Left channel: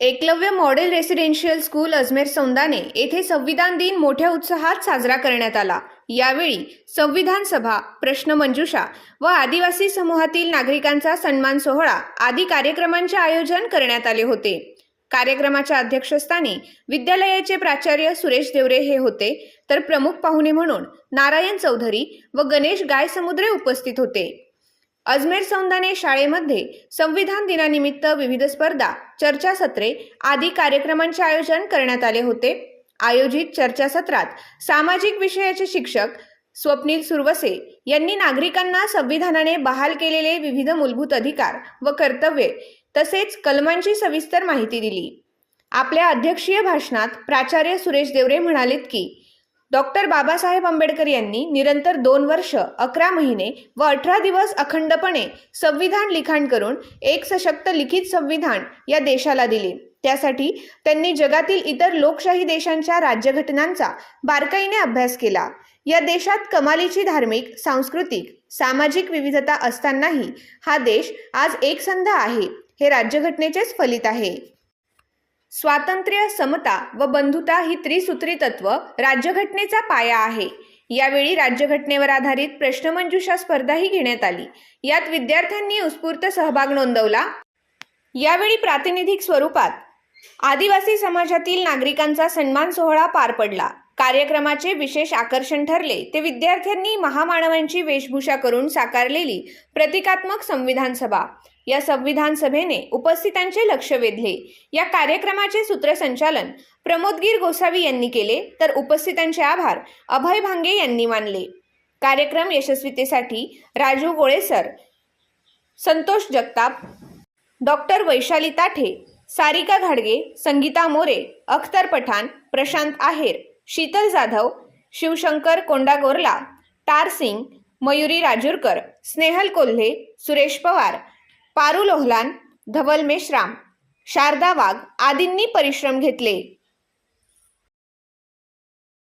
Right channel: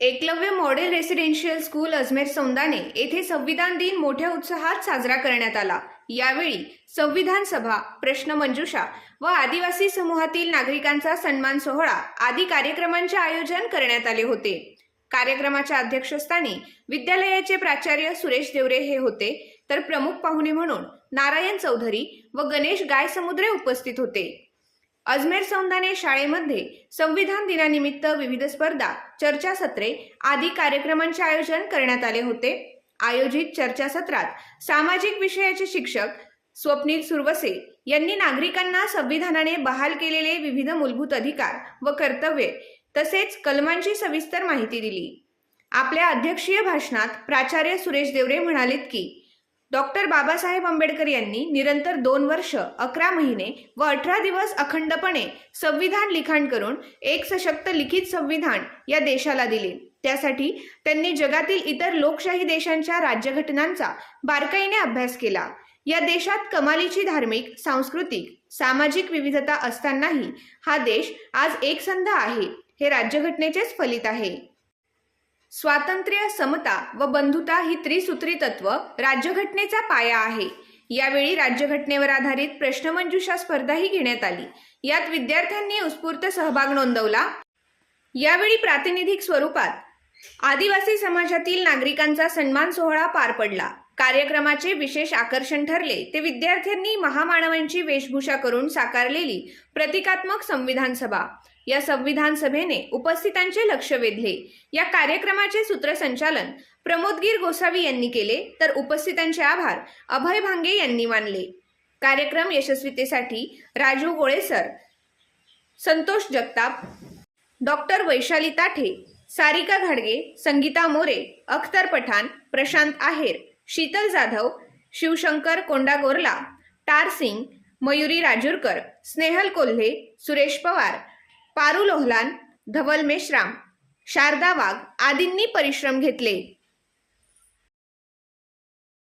Eklavya model residential school Ajmer Saundane येथे संविधान दिन मोठ्या उत्साहात साजरा करण्यात आला. यावेळी संविधान सभा प्रश्न मंजुषा व आदिवासी समूहातील नागरिकांचा सन्मान सोहळा आदी कार्यक्रमांचे आयोजन करण्यात आले होते. कार्यक्रमाच्या अध्यक्षस्थानी विद्यालयाचे प्राचार्य सुरेश देवरे हे होते. तर प्रमुख पाहुणे म्हणून नारायण चौधरी व गणेश गायसमुद्रे उपस्थित होते. अजमेर सौंदाने शाळेमध्ये संविधान दिनानिमित्त विविध स्पर्धा चर्चासत्रे आदी कार्यक्रमांचे आयोजन करण्यात आले होते. आयोजित चर्चासत्रात सामाजिक विषयाचे शिक्षक स्वप्नील सुरवसे यांनी नागरिकांना संविधानाने बहाल केलेले विविध मूलभूत अधिकार व कर्तव्ये तसेच कलमांची सविस्तर माहिती दिली. आपल्या अध्यक्षीय भाषणात प्राचार्य सुरेश देवरे म्हणालेत की डॉक्टर बाबासाहेब आंबेडकर यांनी निरंतर दोन वर्ष अकरा महिने व अठरा दिवस अखंडपणे संविधान लिखाण करून एक सशक्त लिखित संविधान या देशाला दिले. त्यासाठी त्यांनी जगातील इतर लोकशाही देशांच्या राज्यघटनांचा बारकाईने अभ्यास केला. या देशात कमालीची धार्मिक सांस्कृतिक सामाजिक विविधता असतानाही हा देश आज एकसंध आहे. हे राज्यघटनेचेच फलित आहे. स्वातंत्र्य समता व बंधुता ही त्रिसूत्री तत्व राज्यघटनेचा पाया आहे. यावेळी राज्यघटनेवर आधारित प्रश्नमंजुषा स्पर्धाही घेण्यात आली. यात विद्यार्थ्यांनी उत्स्फूर्त सहभाग नोंदवला. यावेळी प्रातिनिधिक स्वरूपात आदिवासी समाजातील नागरिकांचा सन्मान सोहळा पार पडला. कार्यक्रमाचे विशेष आकर्षण ठरले. ते विद्यार्थ्यांनी महामानवांची वेशभूषा करून साकारलेली प्रतिकात्मक संविधान सभा. या संविधान सभेने उपस्थितांचे लक्ष वेधले. या कार्यक्रमाचे सूत्रसंचालन प्रमोदगीर गोसावी यांनी केले तर उपस्थितांचे आभार अभय भांगे यांनी मानले. कार्यक्रम यशस्वीतेसाठी राजू गोळेसर संतोष जगताप डॉक्टर वैशाली ताठे सारिका घाडगे संगीता मोरे अख्तर पठाण प्रशांत आहेर शीतल जाधव शिवशंकर कोंडागोरला टार सिंग मयुरी राजूरकर स्नेहल कोल्हे सुरेश पवार पारू लोहलान धवल मेश्राम शारदा वाघ आदींनी परिश्रम घेतले.